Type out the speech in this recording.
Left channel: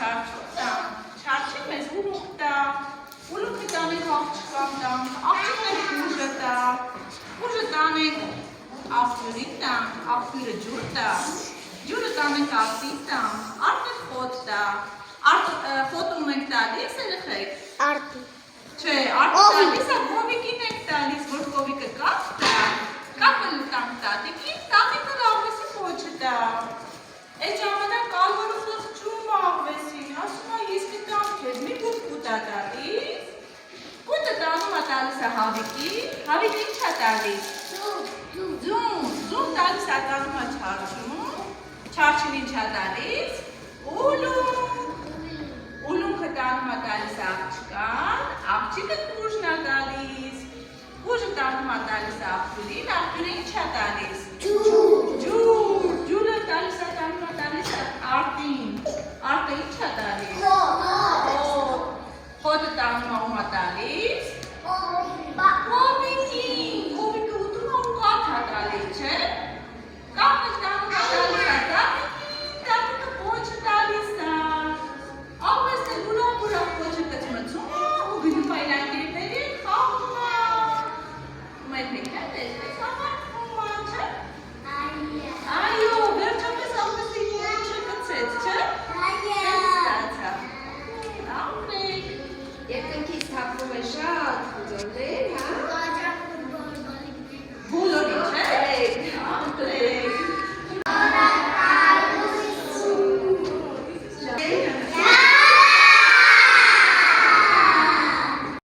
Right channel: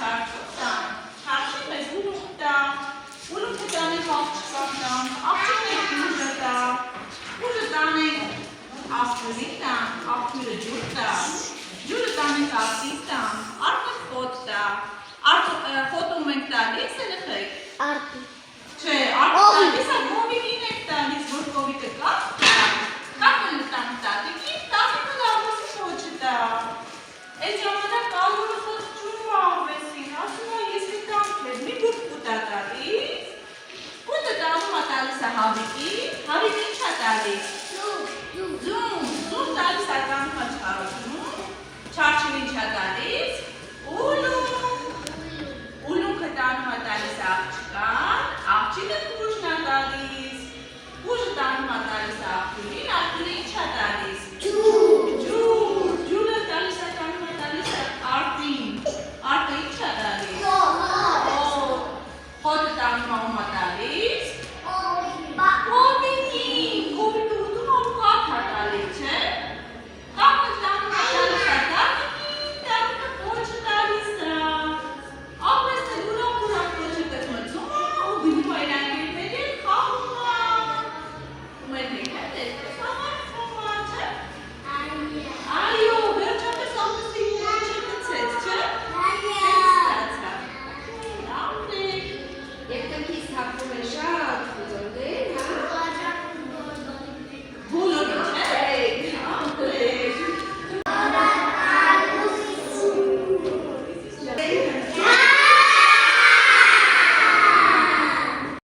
չարչուտա, չարչին մեզ ուլուկտա, ուլուկը տանենք աղջկան տան, աղջիկներ ուժը տա, ուժը տանենք աղջուրին տան, աղջուրը ջուր տա, ջուրը տանենք աղջին տան, արտը խոտ տա, խոտում ենք տալիս երեխեք։ Արտի։ Չէ, արտը տալիս է կովիկին ենք տալիս, որ կովիկը կապ տա, կապը տանք տատիկին, տատիկը լավեսի խոչը տա։ Այդ ժամանակ ալորը խոց չում աղվեսին, ասում է ես կտամ քեզ, մի բուտ կուտա տալիս, բուտը տանում է տալիս է հավիկի, հավիկը ինչ է տալիս։ Ձուն տալիս է տանում է չարչում, չարչին ինչ է տալիս, ուլունքը տանում է տալիս աղջկան, աղջիկը կուժն է տալիս, կուժը տանում է տալիս աղջուրին, աղջուրը